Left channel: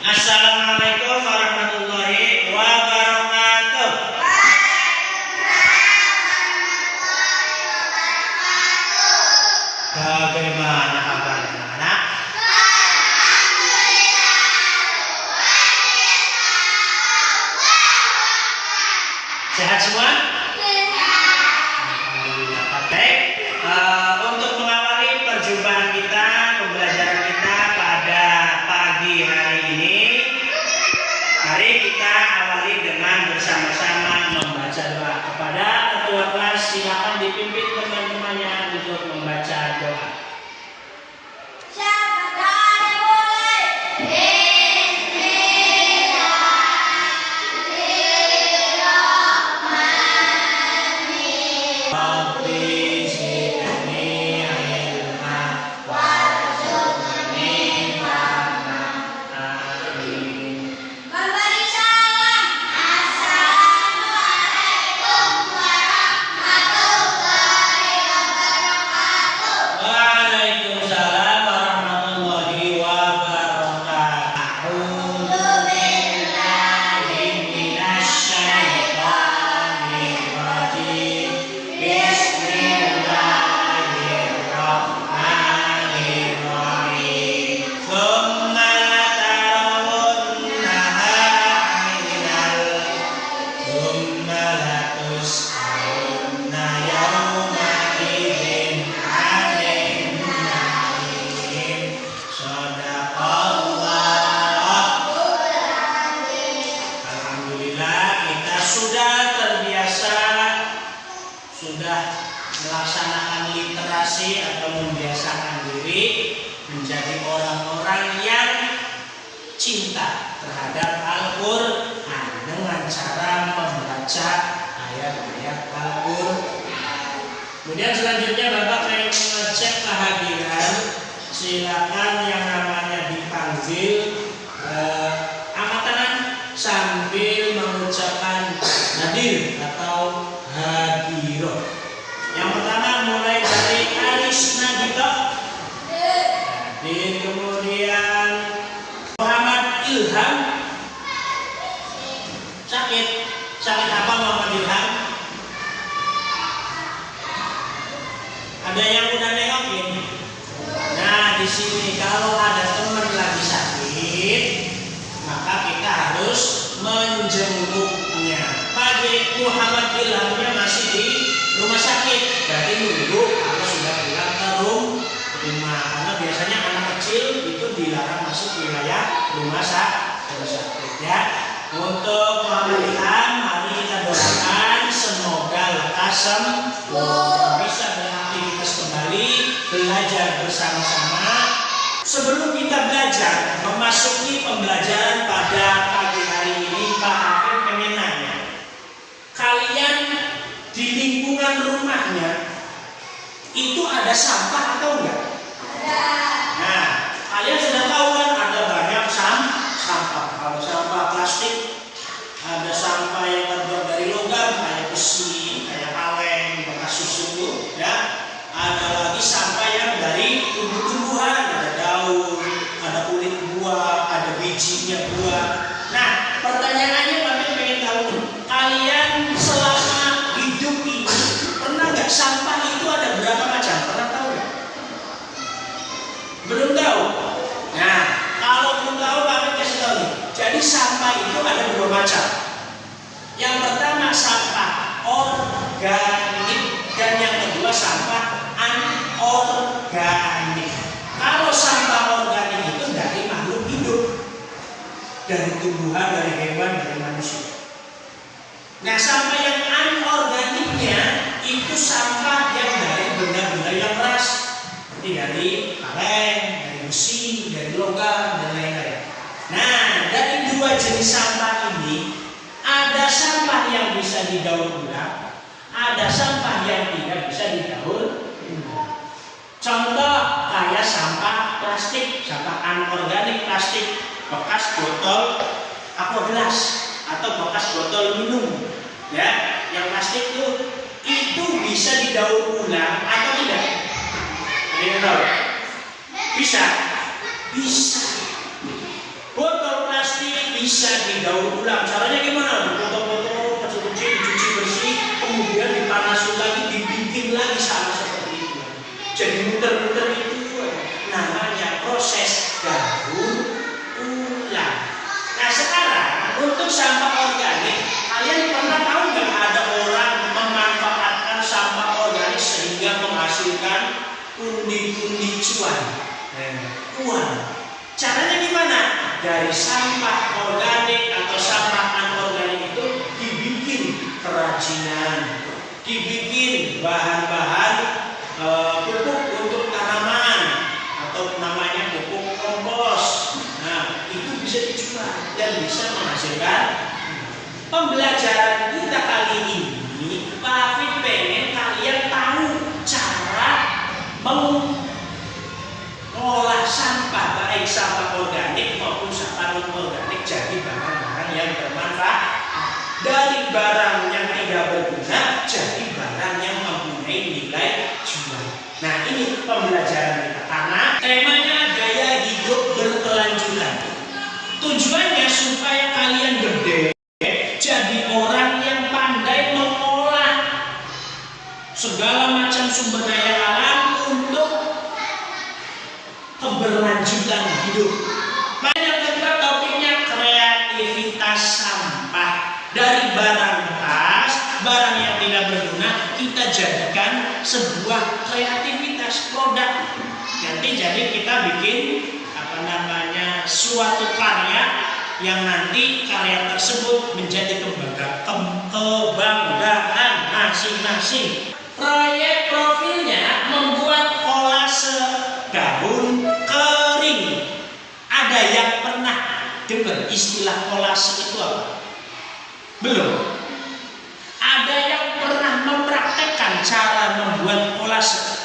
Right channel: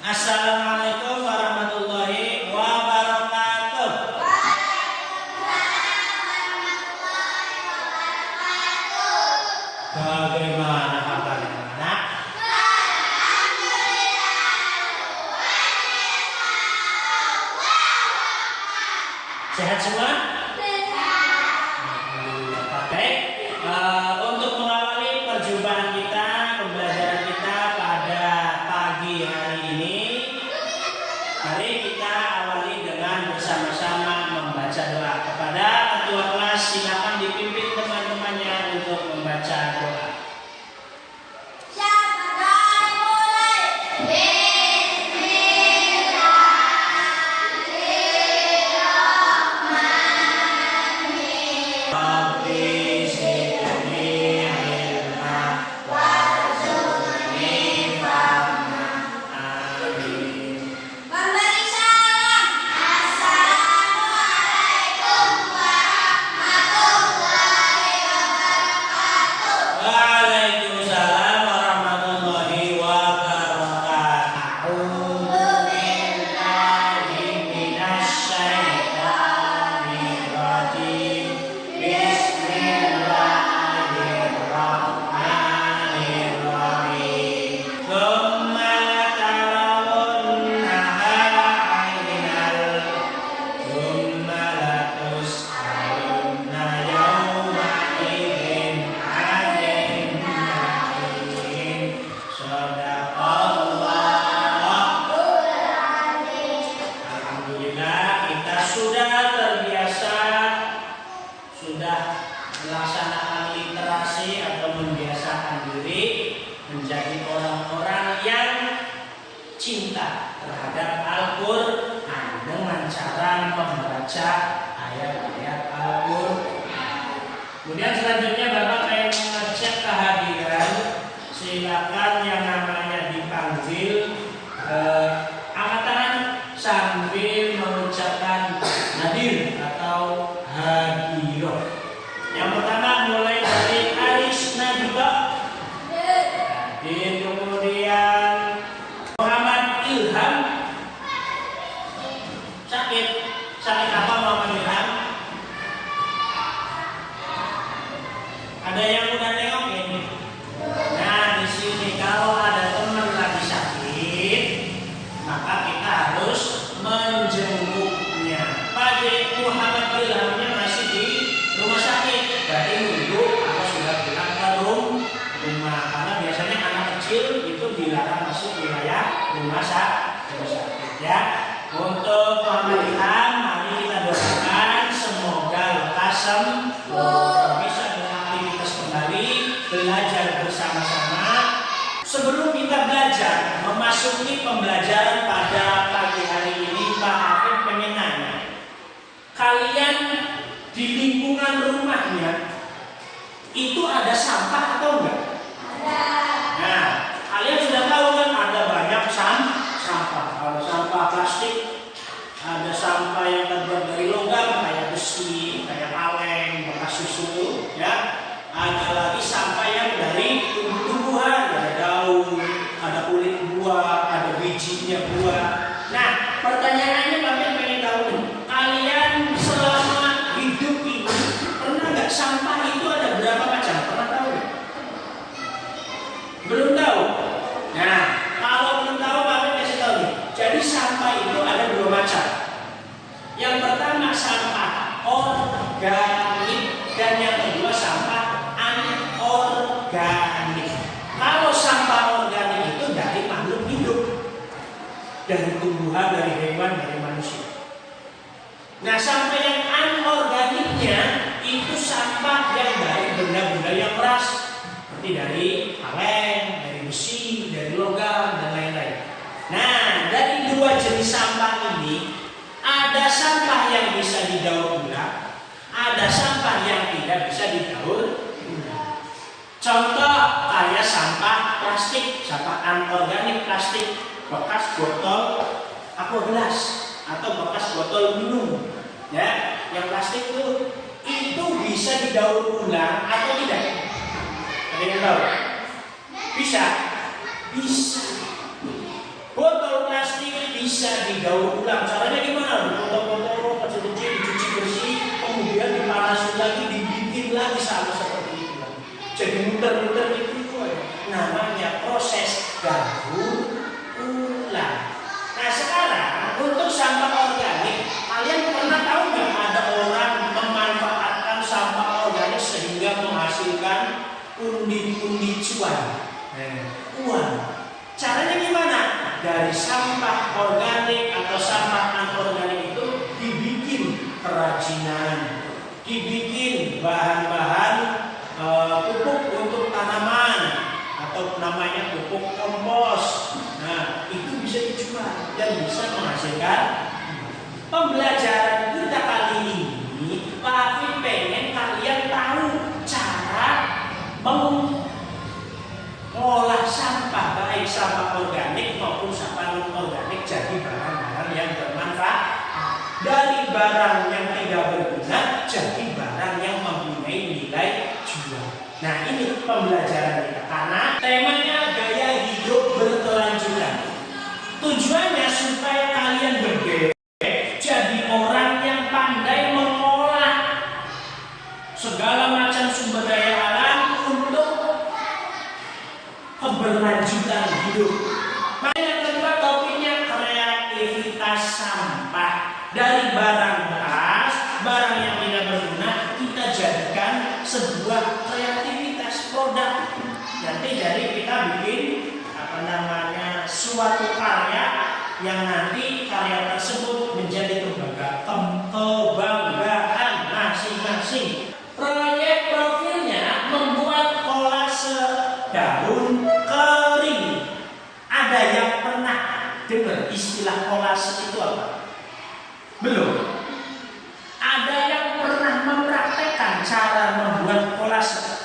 Assalamualaikum warahmatullahi wabarakatuh. Bagaimana kabarnya anak? Sehat semua? Alhamdulillah. Baik. Untuk mengawali perjumpaan kita, pembelajaran kita pada pagi hari ini, mari kita awali dengan bersama-sama membaca doa. Kepada ketua kelas, silakan dipimpin teman-temannya untuk membaca doa. Sudah melaksanakan literasi atau membiasakan diri menjadi orang-orang yang cinta terhadap Al-Quran dengan cara membaca ayat-ayat Al-Quran. Kemudian selanjutnya Bapak yang mengecek kehadiran, silakan yang namanya dipanggil angkat tangan sambil mengucapkan hadir atau hadiroh. Yang pertama mulai dari Aris Nabito, hadir. Kemudian Muhammad Ilham, sakit apa Muhammad Ilham? Ada yang udah nengokin? Nah, di sini kalau ada teman lagi sakit, maka kita harus menjenguknya. Pak Muhammad Ilhamnya masih di rumah sakit, berarti nunggu atau sudah pulang ke rumah. Karena biasanya anak kecil itu dilarang masuk wilayah rumah sakit ya. Untuk Muhammad Ilham, mari kita doakan semoga lekas sembuh, bisa beraktivitas kembali, belajar bersama-sama. Sebelum kita belajar, memasuki pembelajaran pada pagi hari ini, Pak Hakim pengen nanya, kalian di lingkungan rumahnya itu ada sampah atau enggak? Ada. Nah, kalian sudah tahu kan ada banyak sampah. Ada sampah plastik, ada sampah yang terbuat dari logam kayak besi, kayak kaleng, bekas susu, ya. Ada lagi sampah yang dari tumbuh-tumbuhan, ada daun, ada kulit buah, ada bijinya buah. Nah, pertanyaannya kami pengen tahu nih, kalian selama hidup ini pernah nggak sampah itu ada berapa macam? Pernah tahu nggak? Belum tahu. Nah, kalau belum tahu kami kasih tahu nih. Jadi sampah itu ada dua macam. Yang pertama sampah organik dan yang kedua sampah anorganik. Kalau sampah organik itu dari makhluk hidup, dari tumbuhan, dari hewan, dari manusia. Nah, sampah yang anorganiknya itu sampah yang dari benda-benda yang keras, seperti dari kaleng, dari besi, dari logam, dan lain-lain. Nah, dari dua jenis sampah ini, ada sampah yang bisa didaur ulang, ada sampah yang tidak bisa didaur ulang. Contoh kayak sampah plastik, sampah anorganik plastik, bekas botol aqua gelas atau bekas botol minum, ya, yang plastik itu bisa didaur ulang atau tidak? Ada yang tahu? Bisa, bisa. Botol bisa didaur ulang. Caranya gimana? Dipotong-potong, kecil-kecil, dicuci bersih, kemudian dipanasin lagi, dibikin lagi sama seperti itu. Jadi muter-muter itu namanya proses daur ulang. Nah sekarang untuk sampah organik, kalian pernah tahu nggak ada orang memanfaatkan sampah organik sehingga menghasilkan pundi-pundi cuan, uang? Caranya gimana? Dari sampah organik atau sampah anorganik itu dibikin kerajinan, dibikin bahan-bahan pupuk untuk tanaman atau namanya pupuk kompos. Nah, itu bisa dijual dan bisa menghasilkan. Pembelajaran kita kali ini, Pak Hafid pengen kalian tahu cara mengolah sampah, baik sampah organik maupun sampah non-organik jadi barang-barang yang bermanfaat. Dari barang yang tidak berguna jadi barang yang mempunyai nilai jual. Nah ini pembelajaran kita karena temanya gaya hidup berkelanjutan. Tujuannya supaya kalian gede jadi orang yang pandai mengolah segala macam sumber daya alam untuk keberlanjutan hidup. Nah yang kedua topiknya kreativitas sampah. Dari barang bekas, barang yang tidak berguna, kita jadikan sebuah kreativitas produk. Nanti jadi kita bikin suatu karya yang nanti karya tersebut menjadi kebanggaan masing-masing. Proyek profilnya membuat kolase daun kering. Ada yang pernah dengar istilah kolase itu apa? Belum. Ada yang pernah mempraktekkan cara membuat kolase?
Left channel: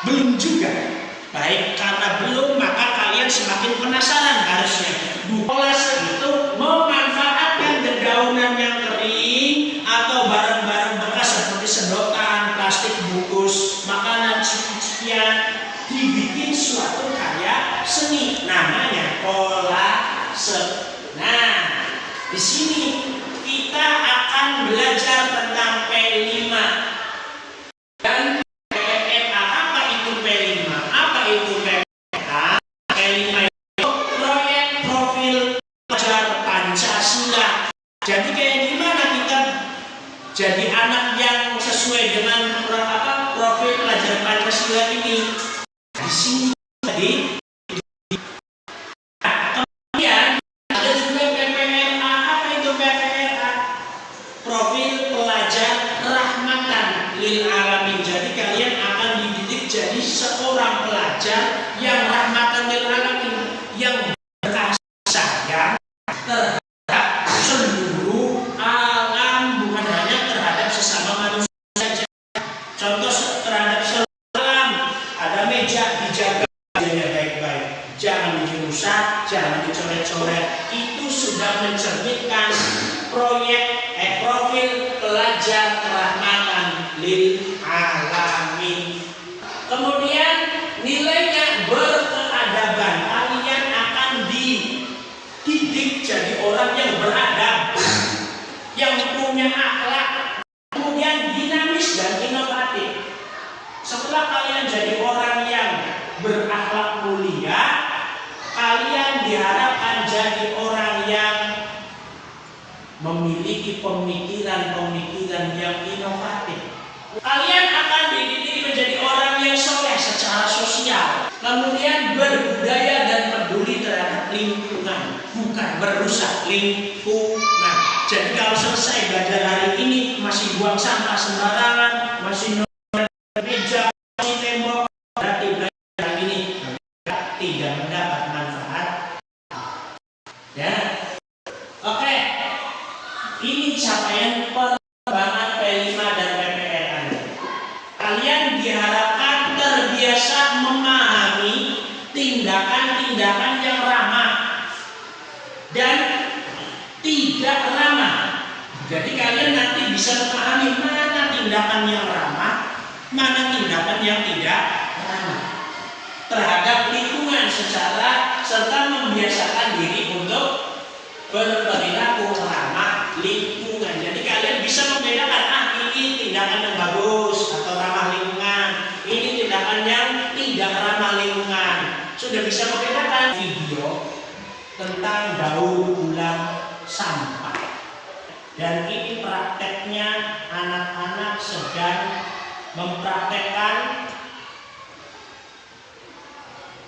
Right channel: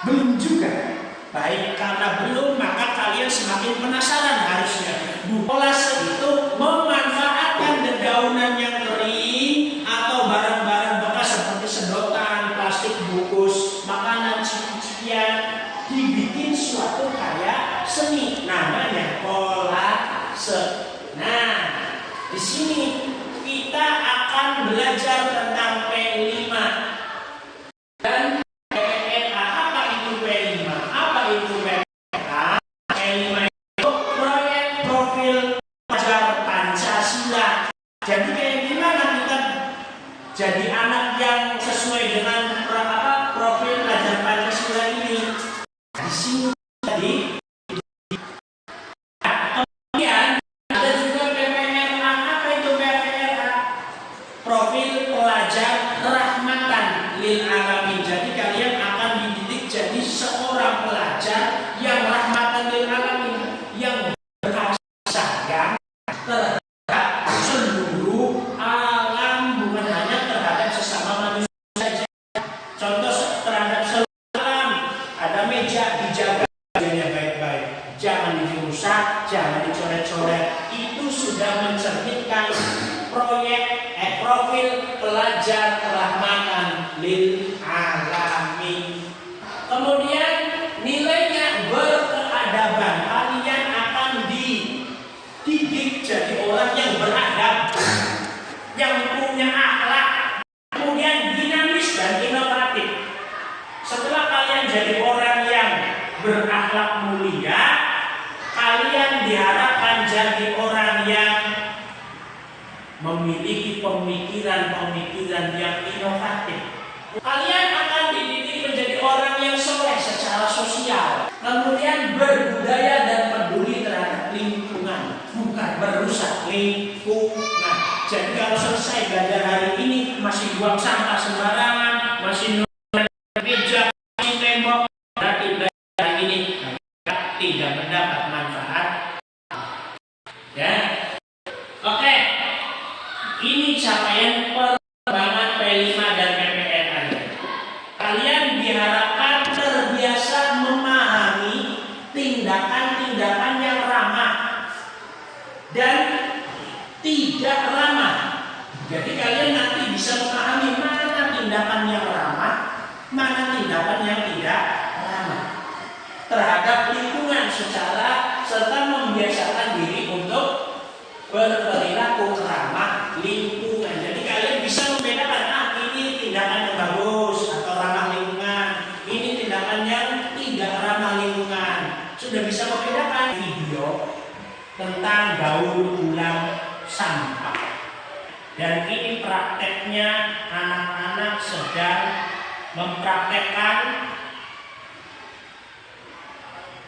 Belum juga. Baik, karena belum maka kalian semakin penasaran harusnya. Kolase itu memanfaatkan dedaunan yang kering atau barang-barang bekas seperti sedotan, plastik bungkus, makanan, cucian, dibikin suatu karya seni namanya kolase. Nah, di sini kita akan belajar tentang P5 dan PPLA. Apa itu P5? Apa itu PPLA? P5 itu proyek profil pelajar Pancasila. Jadi kayak gimana kita jadi anak yang sesuai dengan profil pelajar Pancasila ini? Di sini tadi. Seorang pelajar yang rahmatan lil alamin, yang berkasih sayang terhadap seluruh alam, bukan hanya terhadap sesama manusia saja. Contoh terhadap seluruh alam, ada meja dijaga baik-baik, jangan dirusak, jangan dicoret-coret. Itu sudah mencerminkan profil pelajar rahmatan lil alamin. Kemudian nilainya berkeadaban. Kalian akan dididik jadi orang yang beradab, yang punya akhlak, kemudian dinamis dan inovatif. Setelah kalian jadi orang yang berakhlak mulia, kalian diharapkan jadi orang yang memiliki pemikiran-pemikiran yang inovatif. Kalian akan dididik menjadi orang yang soleh secara sosial, kemudian berbudaya dan peduli terhadap lingkungan, bukan merusak lingkungan. Jadi kalau selesai belajar hari ini masih buang sampah sembarangan, masih meja, masih tembok, berarti belajar hari ini tidak mendapat manfaat. Ya, oke. Ini capaian perkembangan P5 dan PPLA. Kalian diharapkan terbiasa memahami tindakan-tindakan yang ramah dan tidak ramah. Jadi kalian nanti bisa memahami mana tindakan yang ramah, mana tindakan yang tidak ramah terhadap lingkungan serta membiasakan diri untuk berperilaku ramah lingkungan. Jadi kalian bisa membedakan, ini tindakan yang bagus atau ramah lingkungan, ini tindakan yang tidak ramah lingkungan. Sudah bisa membedakan. Video tentang daur ulang sampah. Dan ini prakteknya anak-anak sedang mempraktekkan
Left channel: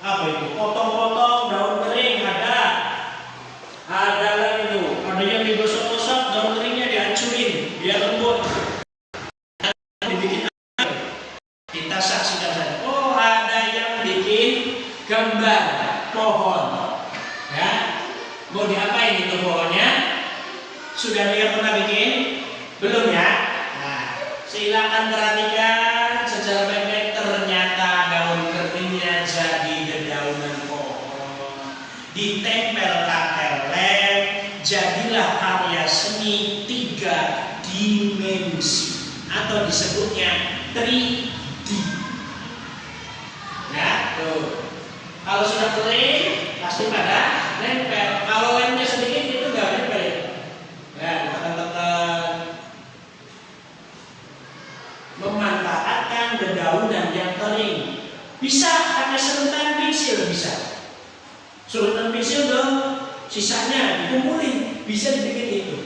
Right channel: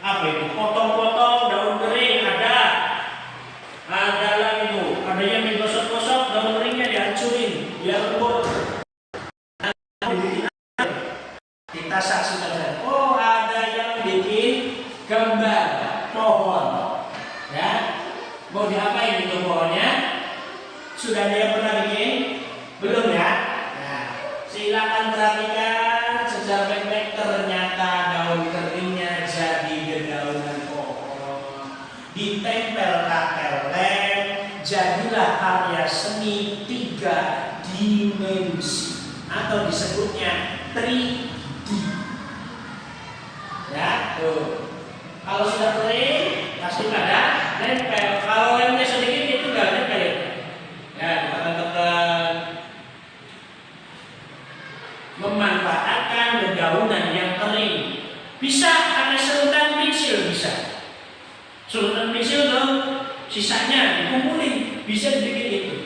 apa itu? Potong-potong daun kering ada lagi tuh, ada yang digosok-gosok daun keringnya dihancurin biar lembut. Dibikin apa? Kita saksikan saja. Oh, ada yang bikin gambar pohon. Ya, mau diapain itu pohonnya? Sudah ada yang pernah bikin? Belum ya? Nah, silakan perhatikan secara baik-baik. Ternyata daun keringnya jadi dedaunan pohon. Ditempel lem, jadilah karya seni 3 dimensi atau disebutnya 3D. Ya, tuh. Kalau sudah kering, pasti pada nempel. Kalau lemnya sedikit itu nggak nempel. Ya, ditekan-tekan. Memanfaatkan dedaunan yang kering. Bisa ada serutan pensil, bisa. Serutan pensil dong, sisanya dikumpulin, bisa dibikin itu.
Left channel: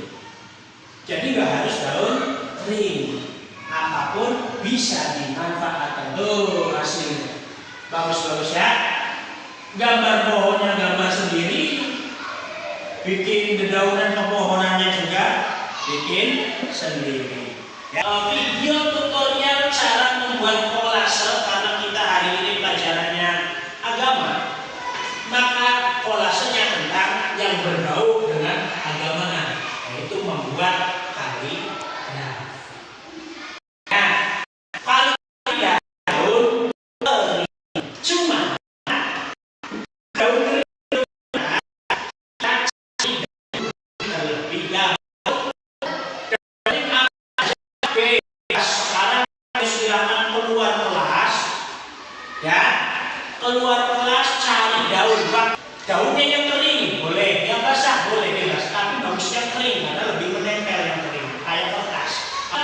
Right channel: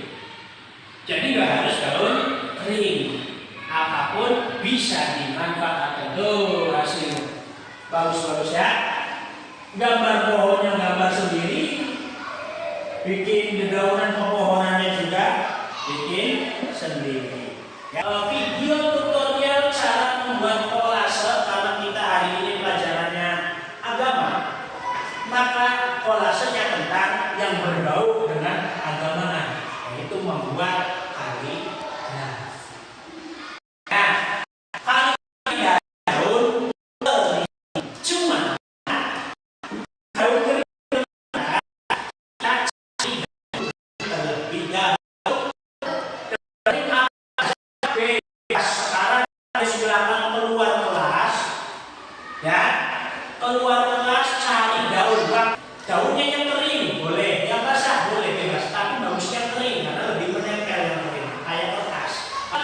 Jadi nggak harus daun kering, apapun bisa dimanfaatkan. Tuh hasilnya, bagus-bagus ya. Gambar pohonnya gambar sendiri, bikin dedaunan pepohonannya juga bikin sendiri. Ya, video tutorial cara membuat kolase karena kita hari ini pelajarannya agama, maka kolasenya tentang yang berbau dengan keagamaan, yaitu membuat kaligrafi. Nah, kaligrafi daun kering, cuma daun kering terlebih dahulu. Sekarang silakan keluar kelas, ya, keluar kelas cari daun. Daunnya yang kering boleh, yang basah boleh bebas, tapi bagusnya kering karena lebih menempel yang kering, kayak kertas.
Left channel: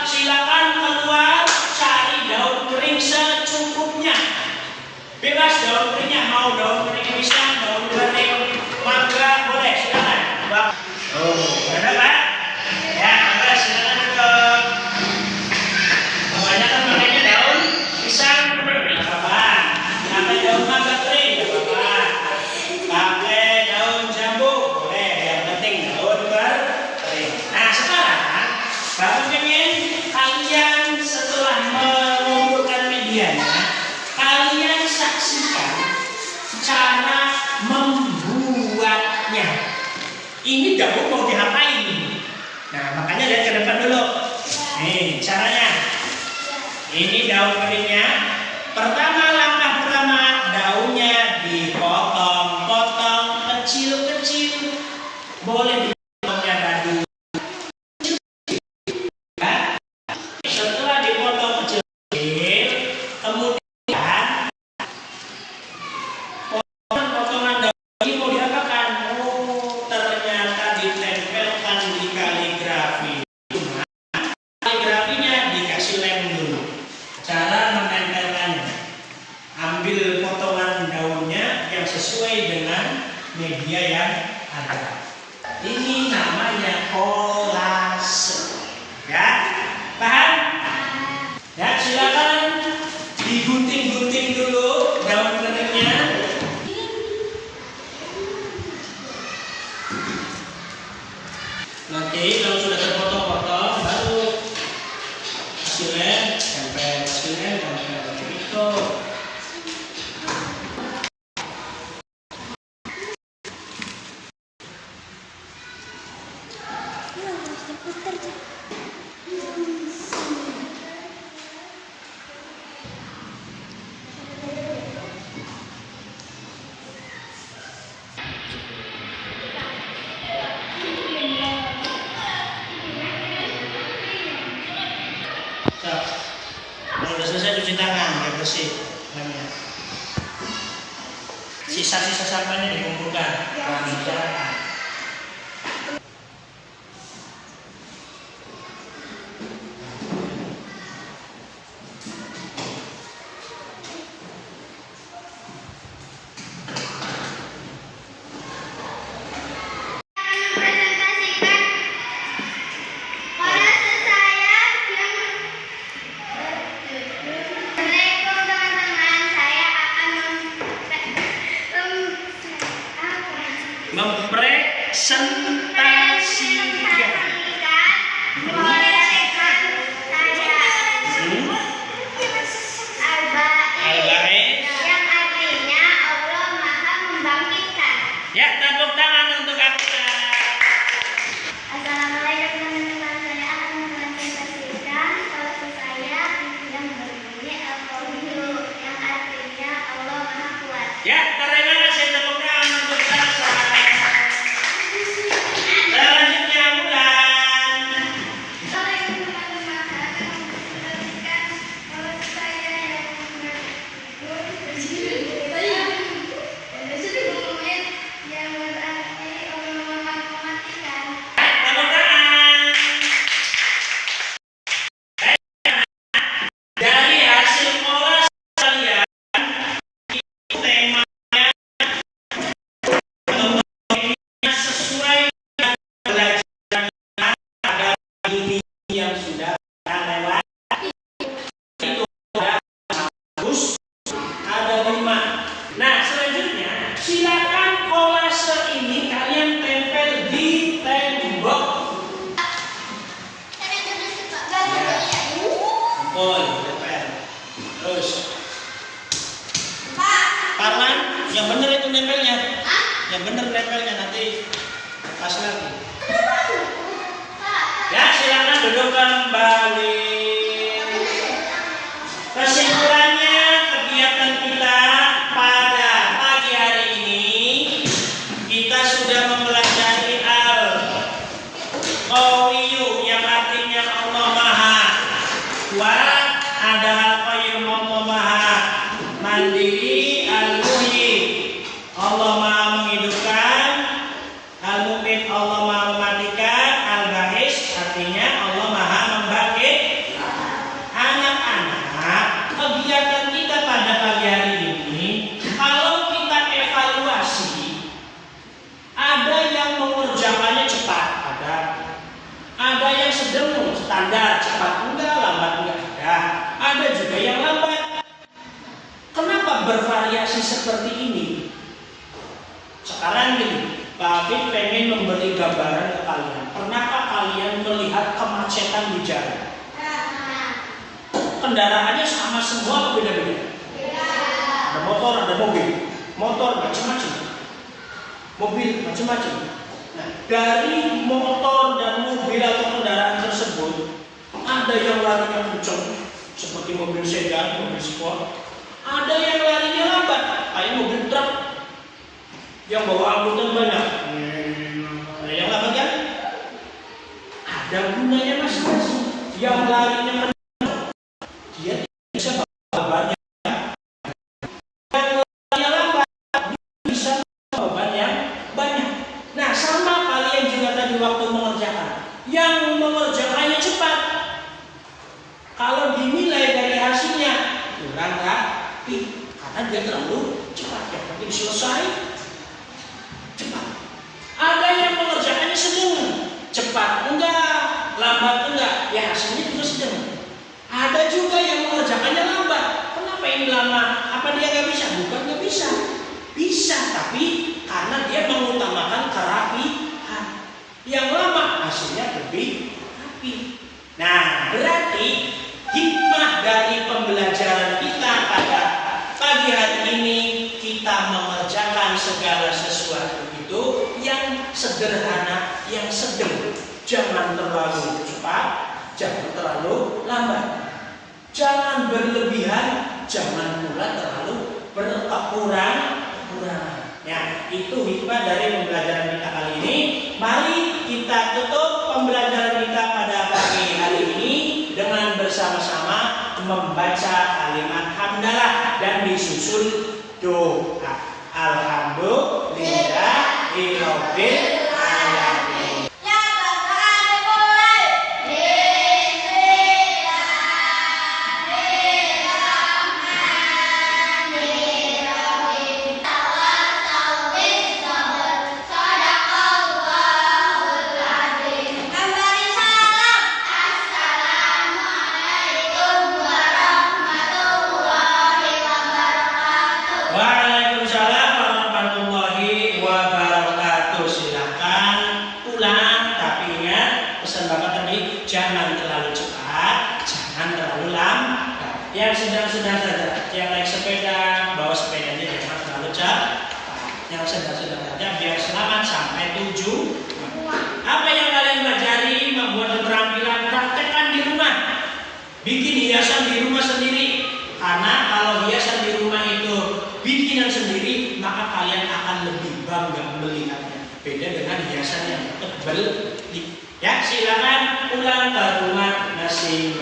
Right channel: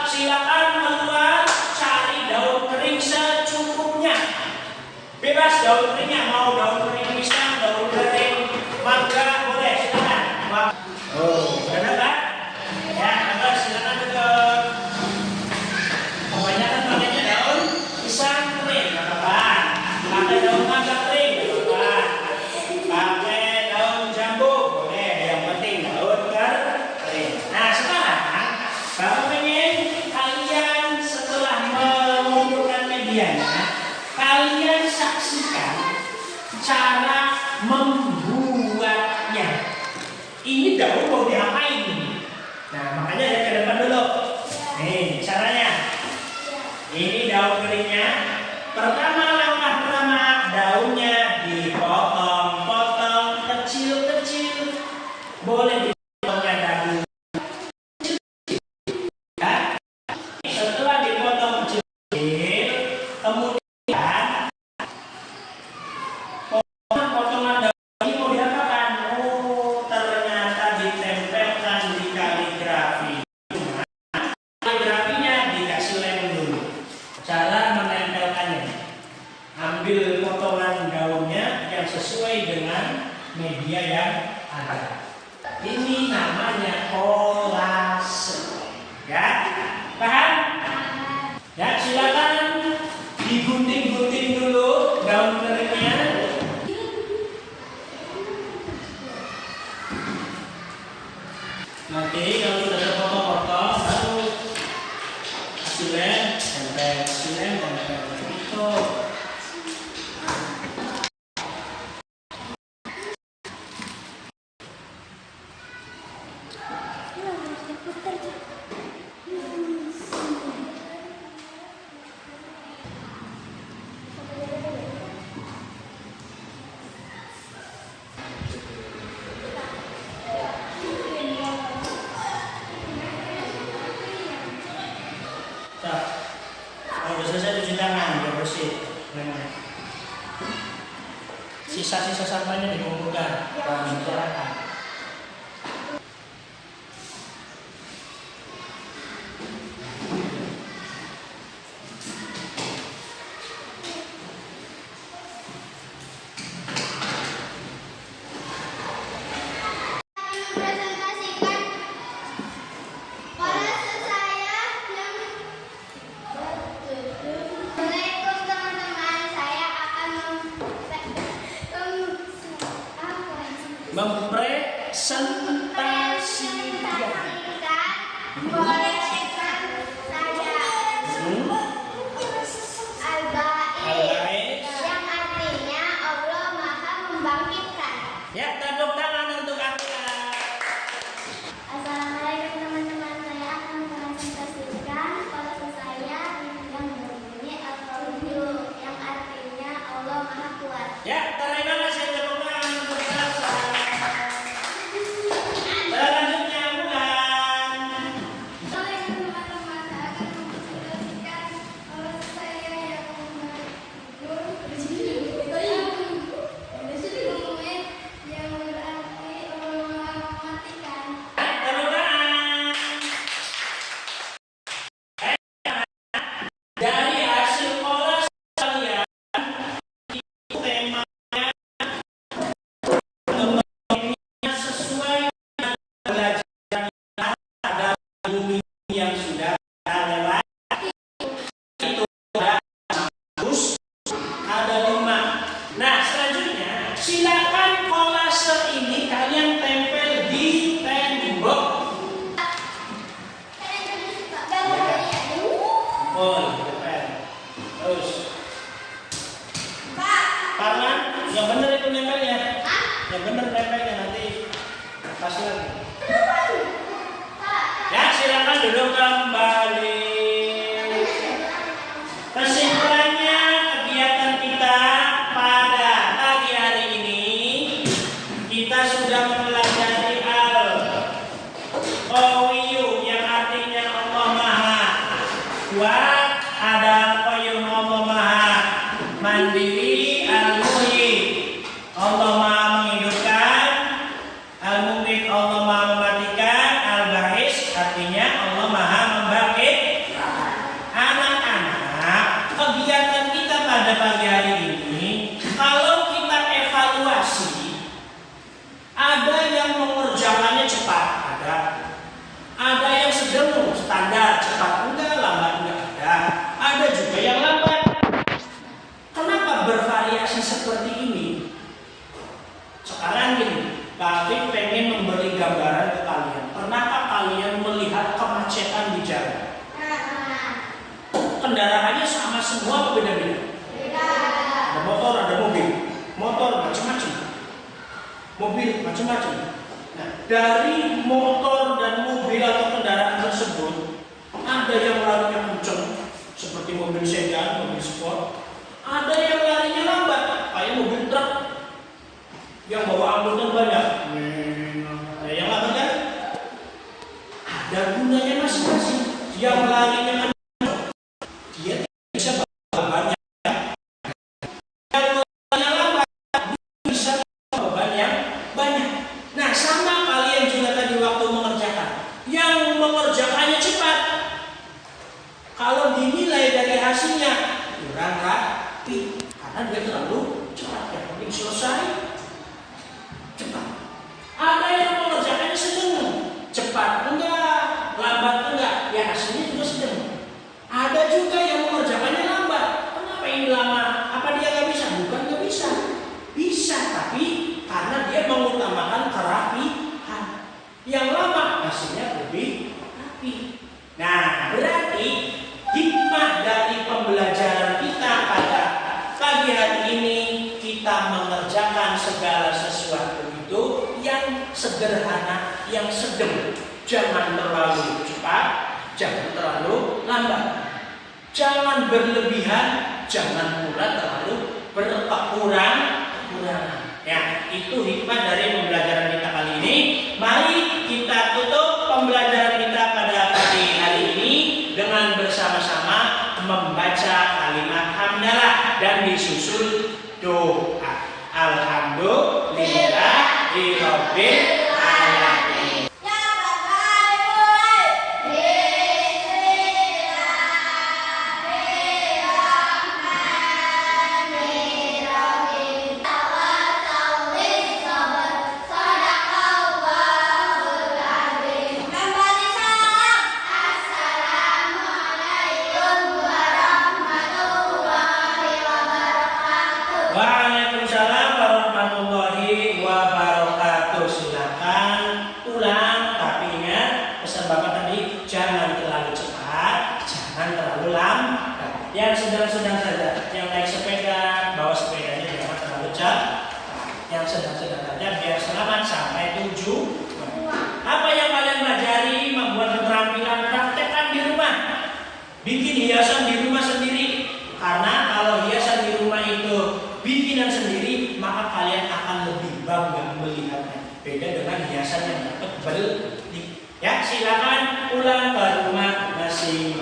Silakan keluar cari daun kering secukupnya. Bebas daun keringnya, mau daun kering pisang, daun kering mangga boleh, silakan. Oh, benar kan? Ya, maka silakan ke kebanyakan makanya daun pisang kering, nggak apa-apa. Pakai daun mangga kering, nggak apa-apa. Pakai daun jambu boleh, yang penting daun kering. Nah, sekarang Bapak pengen kalian setelah mengumpulkan medianya, kalian saksikan cara membuatnya. Ini daun mau diapain? Nah, makanya lihat ke depan dulu. Nih caranya. Ini daun keringnya. Pertama, langkah pertama, daunnya dipotong-potong kecil-kecil. Boleh dipotongnya dadu. Ya. Setelah dipotong kecil-kecil, kemudian potongan daun ini mau diapakan? Oh, ternyata ditempelkan di kaligrafi. Kaligrafinya dikasih lem dulu. Cara menempelkannya, ambil potongan daunnya yang sesuai dengan media yang ada. Ini namanya kolase. Ya, paham? Ya, silakan digunting-gunting dulu daun keringnya. Nanti kalau sudah terpotong-potong, baru hasilnya tempel itu. Kalau udah selesai cuci tangan, biar bersih lemnya. Sisa-sisa sampahnya dikumpulkan dan dibicarakan. Sentasikan. Bolehkan saya Al-Ba'id yang artinya Allah Maha membangkitkan. Ya, tepuk tangan untuk Akila. Assalamualaikum teman-teman, saya akan mempresentasikan kelas saya yang berbunyi Al-Qawiyyu yang artinya Allah Maha Kuat. Ya, terima kasih, tepuk tangan untuk Salsa. Selanjutnya Mulan. Assalamualaikum teman-teman, saya akan mempresentasikan kelas saya yang berbunyi yang berarti Allah Maha mematikan. Tepuk tangan. Dari hasil olah kalian, temanya sesuai dengan pelajaran kita pada ini yang sudah kita lewati. Itu ada bagus, ada 5. Nah, selanjutnya silakan kolase ini kalian tempel di tembok. Oh, tempel. Terus Parman, yang benar itu nempelnya. Yang benar nempelnya, nanti pas lagi. Ya, silakan duduk kembali. Kesimpulannya, kegiatan kita pada pagi hari ini kita sudah mempelajari Al-Qawiyyu yang artinya Allah Maha Kuat, ada Al-Qayyum Allah Maha Mandiri, Al-Muhyi Allah Maha menghidupkan, Al-Mumit Allah Maha mematikan, Al-Ba'is artinya Allah Maha membangkitkan. Anak-anak, kegiatan kita pada pagi hari ini, kalau kita evaluasi, ada yang mengerjakannya cepat, ada yang sedang standar, cepat enggak, lambat enggak ada juga yang lambat. Kenapa bervariasi seperti ini? Sekarang gini, Pak Afif pengen memberi gambaran ke kalian. Pernahkah kalian melihat kemacetan di jalan? Kendaraannya sama semua atau beda-beda? Ada motor, ada mobil. Motor macam-macam, mobil macam-macam. Nah, dari motor dan mobil atau kendaraan tersebut, ada yang larinya kencang seperti mobil sedan, mobil sport. Ada yang larinya lambat, kayak mobil truk yang bawa angkutan banyak. Yang lambat ya? Ada gunanya masing-masing. Yang larinya kencang, dia bisa bawa banyak. Yang larinya lambat, dia bisa bawa beban yang banyak. Nah, sama kalian juga tadi waktu mengerjakan. Yang mengerjakannya cepat, kalau dinilai dari hasilnya kurang rapi, karena dia terlalu cepat. Yang penting selesai cepat. Ada yang mengerjakannya sedang, cepat enggak, lambat enggak, ya hasilnya juga sedang. Ada juga yang mengerjakannya lambat. Kenapa ini lama? Apa dia nggak bisa? Bukan nggak bisa, bisa, tapi karena dia mengutamakan kerapihan. Yang lama hasilnya lebih rapi. Nah, berarti hikmah dari pembelajaran kita pada pagi hari ini, kita mengerjakan segala sesuatu itu yang sederhana, yang sedang. Jangan terlalu cepat, jangan terlalu lambat. Jangan berlebihan, jangan pula terlalu berkekurangan. Ya, itu hikmah dari pembelajaran kita kali ini. Mari kita tutup pembelajaran kita pada pagi hari ini dengan bersama-sama membaca kalimat hamdalah dan disusul doa. Alhamdulillahirabbil alamin. Waalaikumsalam. hiasan di rumah sendiri. Karena kalau hiasan di rumah itu bikinan sendiri, maka kalian akan lebih bangga melihatnya. Beda dengan hiasan yang dapat beli. Ya, silakan pulang ke rumah masing-masing.